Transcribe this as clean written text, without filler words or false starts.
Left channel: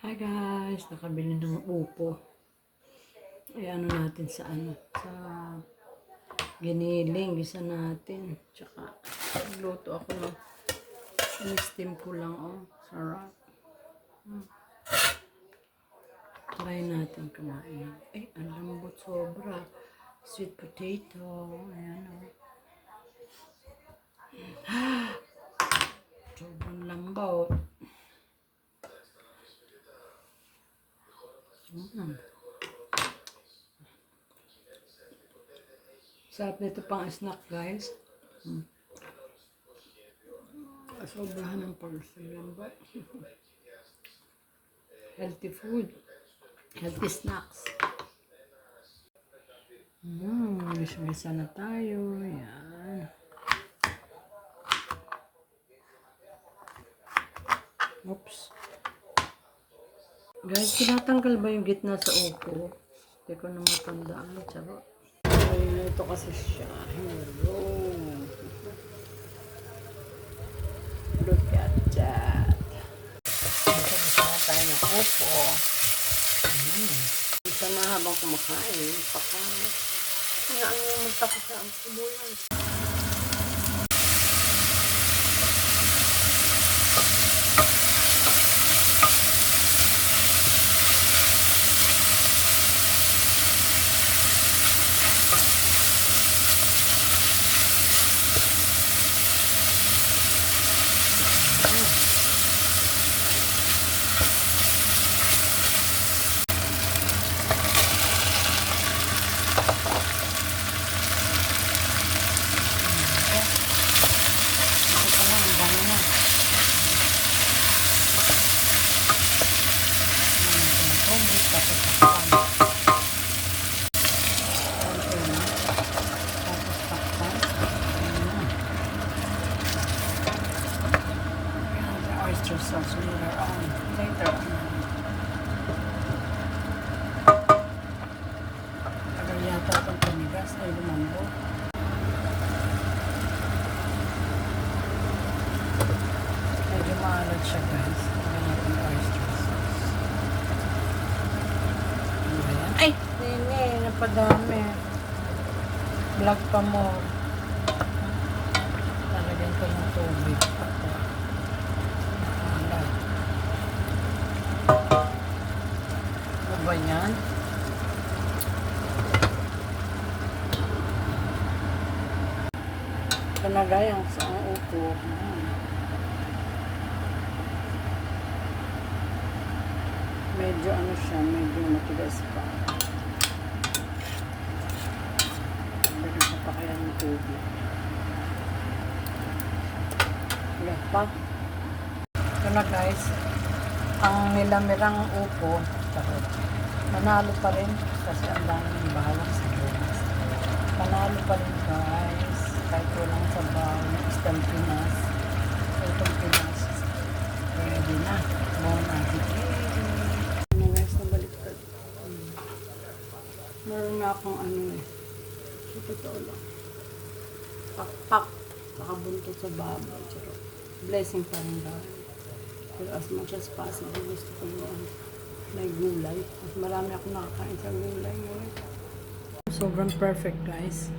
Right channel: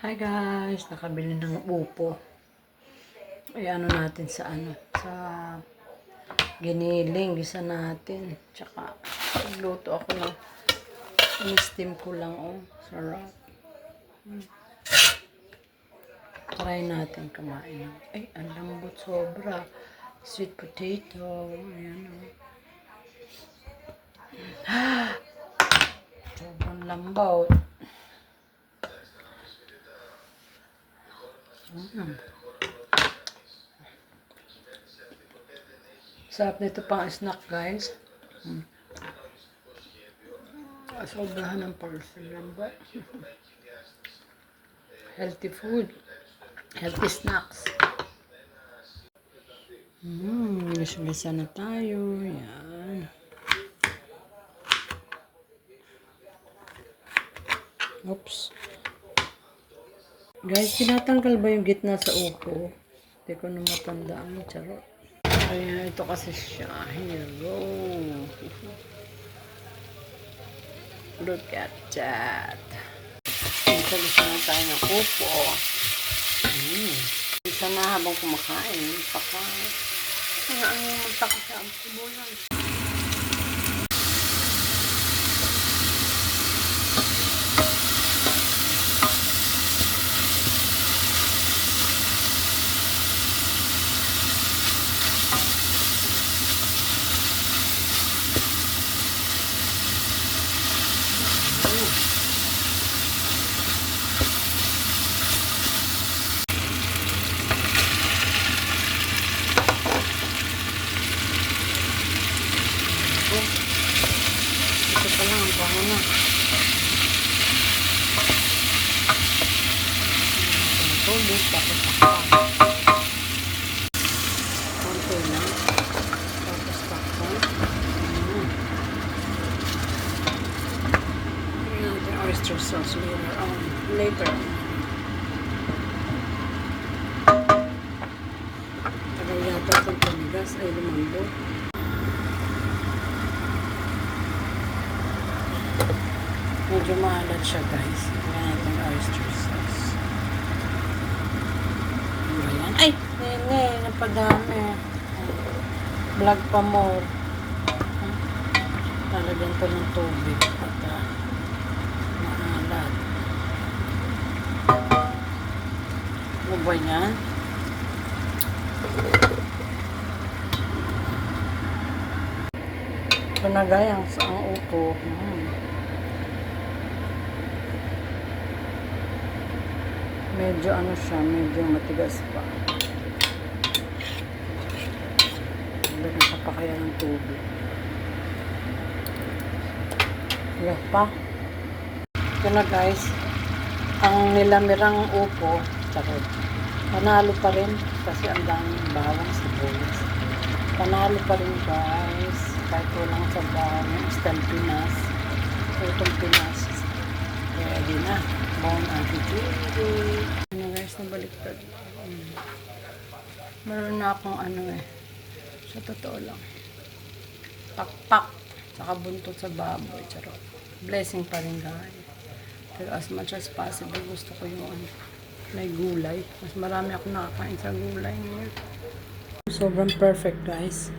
Hi guys, nakabili ng upo. Ay ano natin sa giniling, gisa natin. Tsaka nagluto ako ng in-steam ko lang, oh. Sarap. Try natin kumain. Ay, ang lambot sobra. Sweet potato. Ayan, oh. Sobrang lambot. Sarap nito pang snack, guys. Sobrahan ng parcel lambot. Healthy food. Healthy snacks. Gisa na tayo. Yan. Oops. Guys, tinatanggal ba yung gitna sa upo? Hindi ko na matandaan. Charot. Ayan, ito kasi siya. Hello. Look at that. Gisa na tayo ng upo. Gisa na habang kumakain. Ang yung magtako sa sibulan. Ito lang, bango na. Tubig, tapos takpan. Ito na. Tapos takpan. Ayan, the oyster sauce later on. Tagal yata itong tumigas ay lumambo. Medyo maalat siya, guys. Ayan natin the oyster sauce. Ayan. Ay! Nene, napadami. Vlog pa more. Talagyan ko ng tubig at maalat. Ano ba yan? Ito na guys, ang upo. Medyo ano siya, medyo matigas pa. Bigyan ka pa kaya ng tubig. Yes pa. Ito na guys. Ang nilamirang upo, charot. Panalo pa rin kasi ang daming bawang sa bulis. Panalo pa rin guys. Kahit walang sabaw, instant Pinas. Utong Pinas. Ready na. Bon appetit. Ano guys, nabaliktad. Meron na akong sa totoo lang. Pakpak. Nakabuntot sa baboy. Charot. Blessing pa rin guys. Pero as much as possible, gusto ko yung may gulay. Mas marami ako nakakain sa gulay ngayon. Sobrang perfect guys.